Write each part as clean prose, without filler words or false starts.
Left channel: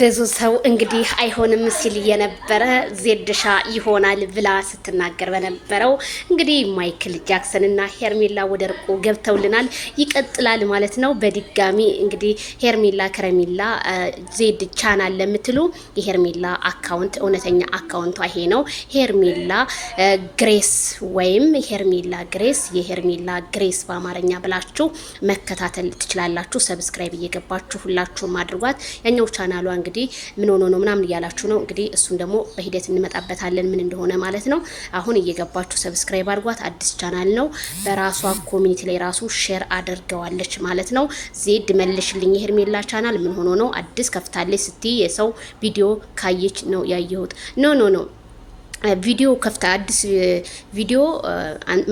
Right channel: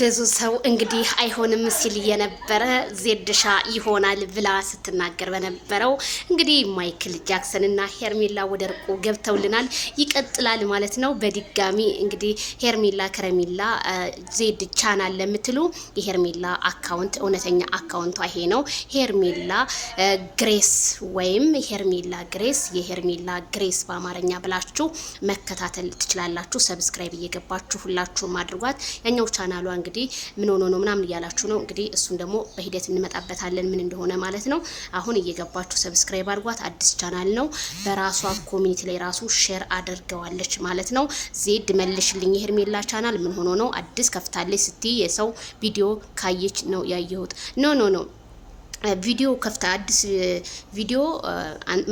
ብዙ ሰው እንግዲህ አይሆንም ሲል የነበረ ዜድሻ ይሆናል ብላ ስትናገር በነበረው እንግዲህ ማይክል ጃክሰን እና ሄርሜላ ወደ እርቁ ገብተውልናል። ይቀጥላል ማለት ነው። በድጋሚ እንግዲህ ሄርሜላ ከረሜላ ዜድ ቻናል ለምትሉ የሄርሜላ አካውንት እውነተኛ አካውንቷ ይሄ ነው። ሄርሜላ ግሬስ ወይም ሄርሜላ ግሬስ የሄርሜላ ግሬስ በአማርኛ ብላችሁ መከታተል ትችላላችሁ። ሰብስክራይብ እየገባችሁ ሁላችሁም አድርጓት። ያኛው ቻናሏ እንግዲህ ምን ሆኖ ነው ምናምን እያላችሁ ነው። እንግዲህ እሱን ደግሞ በሂደት እንመጣበታለን ምን እንደሆነ ማለት ነው። አሁን እየገባችሁ ሰብስክራይብ አድርጓት። አዲስ ቻናል ነው። በራሷ ኮሚኒቲ ላይ ራሱ ሼር አድርገዋለች ማለት ነው። ዜድ መልሽልኝ የሄርሜላ ቻናል ምን ሆኖ ነው አዲስ ከፍታለች ስትይ የሰው ቪዲዮ ካየች ነው ያየሁት። ኖ ቪዲዮ ከፍታ አዲስ ቪዲዮ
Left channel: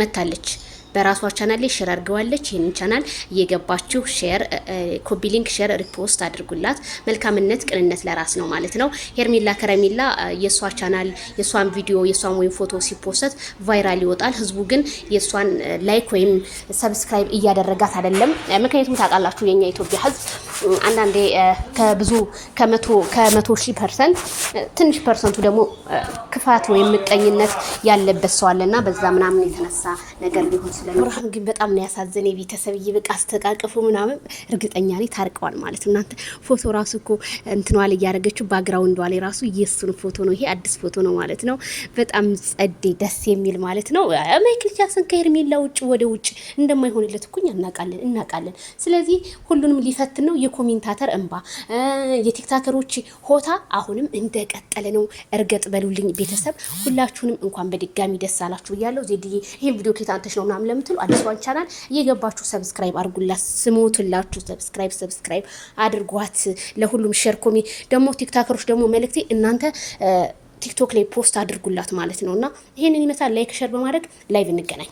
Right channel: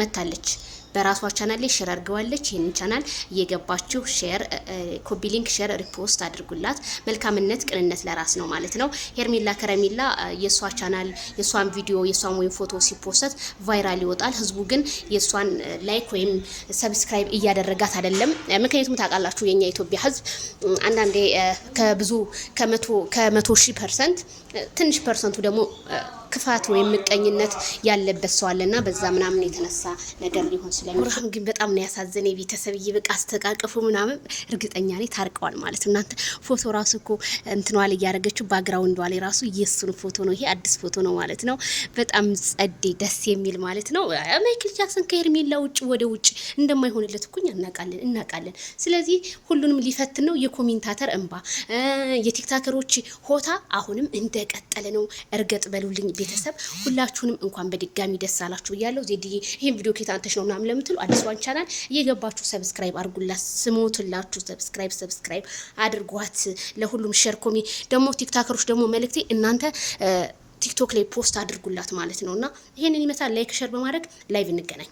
መታለች። በራሷ ቻናል ላይ ሼር አድርገዋለች። ይሄንን ቻናል እየገባችሁ ሼር ኮፒ ሊንክ ሼር ሪፖስት አድርጉላት። መልካምነት ቅንነት ለራስ ነው ማለት ነው። ሄርሜላ ከረሜላ የሷ ቻናል የሷን ቪዲዮ የሷን ወይም ፎቶ ሲፖስት ቫይራል ይወጣል። ህዝቡ ግን የሷን ላይክ ወይም ሰብስክራይብ እያደረጋት አይደለም። ምክንያቱም ታውቃላችሁ የኛ ኢትዮጵያ ህዝብ አንዳንዴ ከብዙ ከመቶ ሺህ ፐርሰንት ትንሽ ፐርሰንቱ ደግሞ ክፋት ወይም ምቀኝነት ያለበት ሰው አለና በዛ ምናምን የተነሳ ነገር ሊሆን ስለሚሆን ግን በጣም ነው ያሳዘነኝ። ቤተሰብ ይበቃ አስተቃቀፉ ምናምን እርግጠኛ ነኝ ታርቀዋል ማለት ነው። እናንተ ፎቶ ራሱ እኮ እንትኗል ያያረገችው ባክግራውንዷ ላይ ራሱ የሱን ፎቶ ነው። ይሄ አዲስ ፎቶ ነው ማለት ነው። በጣም ጸዴ ደስ የሚል ማለት ነው። ማይክል ጃክሰን ከሄርሜላ ውጭ ወደ ውጭ እንደማይሆንለት እኮ እናቃለን። ስለዚህ ሁሉንም ሊፈትን ነው። የኮሜንታተር እንባ የቲክታከሮች ሆታ አሁንም እንደቀጠለ ነው። እርገጥ በሉልኝ ቤተሰብ ሁላችሁንም እንኳን በድጋሚ ደስ አላችሁ ብያለሁ። ዜድዬ ይሄን ቪዲዮ ከታንተሽ ነው ምናምን ለምትሉ አዲስዋን ቻናል እየገባችሁ ሰብስክራይብ አድርጉላት። ስሞቱላችሁ ሰብስክራይብ አድርጓት። ለሁሉም ሼር ኮሚ ደግሞ ቲክታከሮች ደግሞ መልእክቴ እናንተ ቲክቶክ ላይ ፖስት አድርጉላት ማለት ነውና ይሄንን ይመታል። ላይክ ሼር በማድረግ ላይቭ እንገናኝ።